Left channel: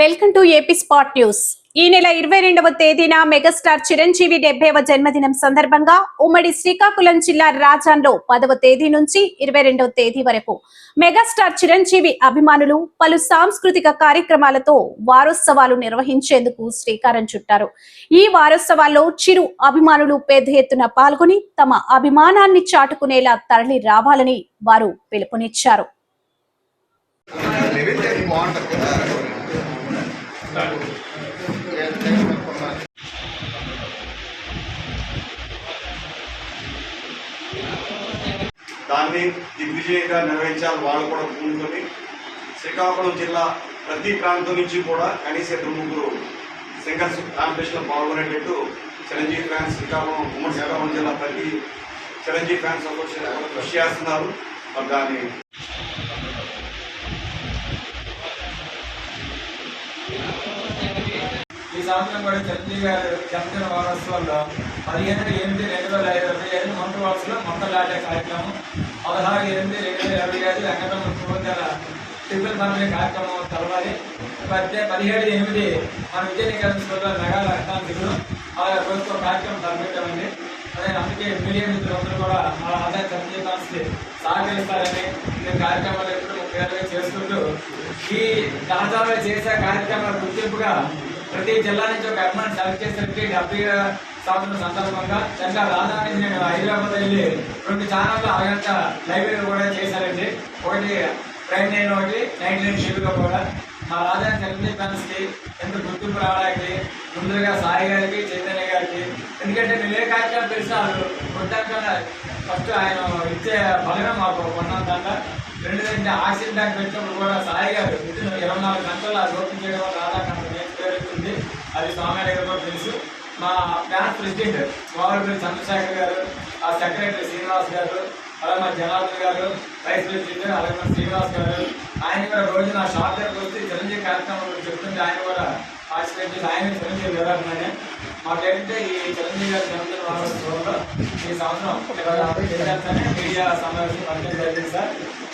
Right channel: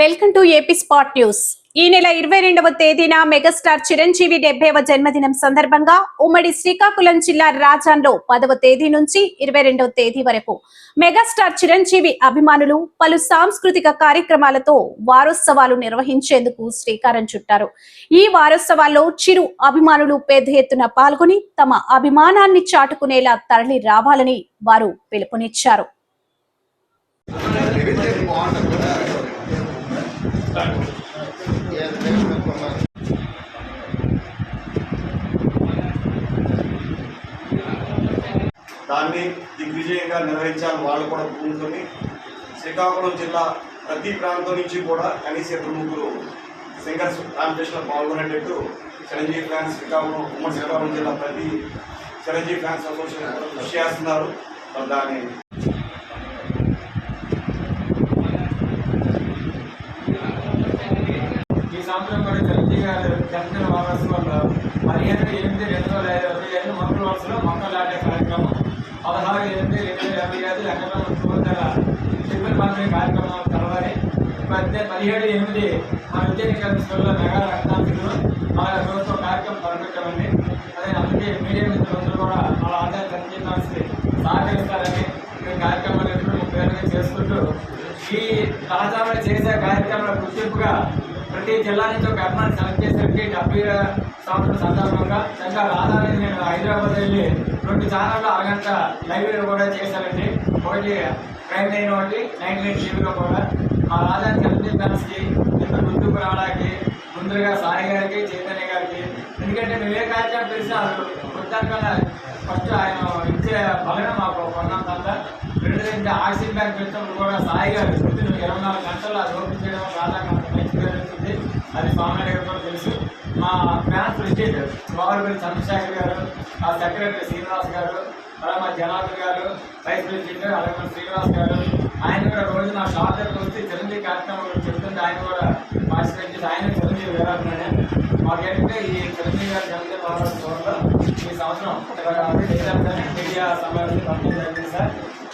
Welcome to AP spot news. ఈ నెల ఇరవై రెండవ తేదీన మెగాస్టార్ చిరంజీవి డెబ్బైవ జన్మదినం సందర్భంగా ఉమ్మడి శ్రీకాకుళం జిల్లా రాజాన్లో పదవ తేదీ నుంచి ఇరవై రెండవ తేదీ వరకు మెగాస్టార్ చిరంజీవి అభిమానులు పలు సాంస్కృతిక కార్యక్రమాలతో వారోత్సవాలు నిర్వహించేందుకు శ్రీకారం చుట్టారు. ఈ వారోత్సవాల్లో చిరు అభిమానులు పెద్ద ఎత్తున పాల్గొని తమ అభిమానాన్ని చాటుకునేలా తరలి రావాలని వారు పిలుపునిచ్చారు. దాన్ని దిగ్విజయంగా నిర్వహించాలి వాళ్ళు కూడా పూనుకొని శ్రీకాకుళం జిల్లా ప్రతి ప్రాంతం నుంచి కూడా కనీస ఇద్దరు ముగ్గురు సింగర్స్ కాంపిటీషన్లో పాల్గొనేటట్టు చిరంజీవి ఫ్యాన్స్ శ్రీకాకుళం ఉమ్మడి శ్రీకాకుళం జిల్లా ప్రతి చిరంజీవి ఫ్యాన్స్ అసోసియేషన్ కృషి చేస్తున్నారు. మరి దాన్ని ఈ జంజీ గారు చిరంజీవి గారు జన్మదిన వారోత్సవాల్లో పదిహేను ఎనిమిది రెండు వేల ఇరవై ఐదు మొక్కల వరుసలో మొక్కలు నాటే కార్యక్రమం పదహారు ఎనిమిది రెండు వేల ఇరవై ఐదు వెంకటరమణ శుభోదయాల ట్రిపుల్ పంపిణీ కార్యక్రమం తెలవాలి. పద్దె పదిహేడు ఎనిమిది మన విజయనగరం స్కూల్లో మెగా రక్తాంత అలాగే రోజుతో కార్యక్రమం తలపెట్టామండి అదే అందుకే మీడియా మిత్రులందరూ కూడా వాళ్ళ ఆదాయ జంజీ సహకరిస్తారని ఈ కార్యక్రమాలు ఎప్పుడు పేరుగా చేసుకుంటూ ఈ తాజాగా చేసే కార్యక్రమాల గుర్తింపుగా ప్రతి జిల్లా నుంచి ఒక అమ్మాయిని సెలెక్ట్ చేసేసరికి డెబ్బై సంవత్సరం సందర్భంగా చక్కగా రాజా నేను హైదరాబాద్ వెళ్ళి రెండు ఛానళ్ళు అరగంట లైబ్రరీ కూడా చేశారండి. ఒకటి ట్రైన్ నైన్ ఒకటి నైన్ నైన్ టీవీలో కూడా. ఆ రాజా సెలెక్ట్ ఫ్యాన్స్కి ఎంత గుర్తింపు రావడానికి ముందుగా సాయి గారికి చైతన్య గారికి. ఎందుకంటే మేము ఏ కార్యక్రమం తెలిసినా వాళ్ళు ఫస్ట్ ఆయన ఇచ్చే బలమే మాకు కొన్నంత రెండోదంటే ఆక్సిజన్ బ్యాంక్ పెట్టినప్పుడు కూడా సాయి గారు ఇరవై నాలుగు గంటలు అది ఓపెన్ చేయడం వల్ల అది స్వామి కూడా తెలుసు. మా బ్యాంక్ ప్రెసిడెంట్ గోవర్పల్లి చంద్రశేఖర్ గారు ఆ సెక్రటరీ శ్రీనివాస్ గారు అలాగే మా జనార్దన్ గారు వైస్ ప్రెసిడెంట్ అలాగే శ్రీనివాస్ గారు. ఆయన కూడా రోజు నా షాప్ దగ్గరకు వచ్చి చిరంజీవి కార్యక్రమం చెప్తుంటే ఆయన కూడా పార్టిసిపేట్ చేసి ఆయన చిరంజీవి వెళ్ళాలన్నానే మాకేంటంటే ఈ చిరంజీవి గారి జన్మదిన వారోత్సవంలో ఈ సంవత్సరం ఇరవై ఆరు మీడియా సమావేశం పంపించడం జరిగింది సార్.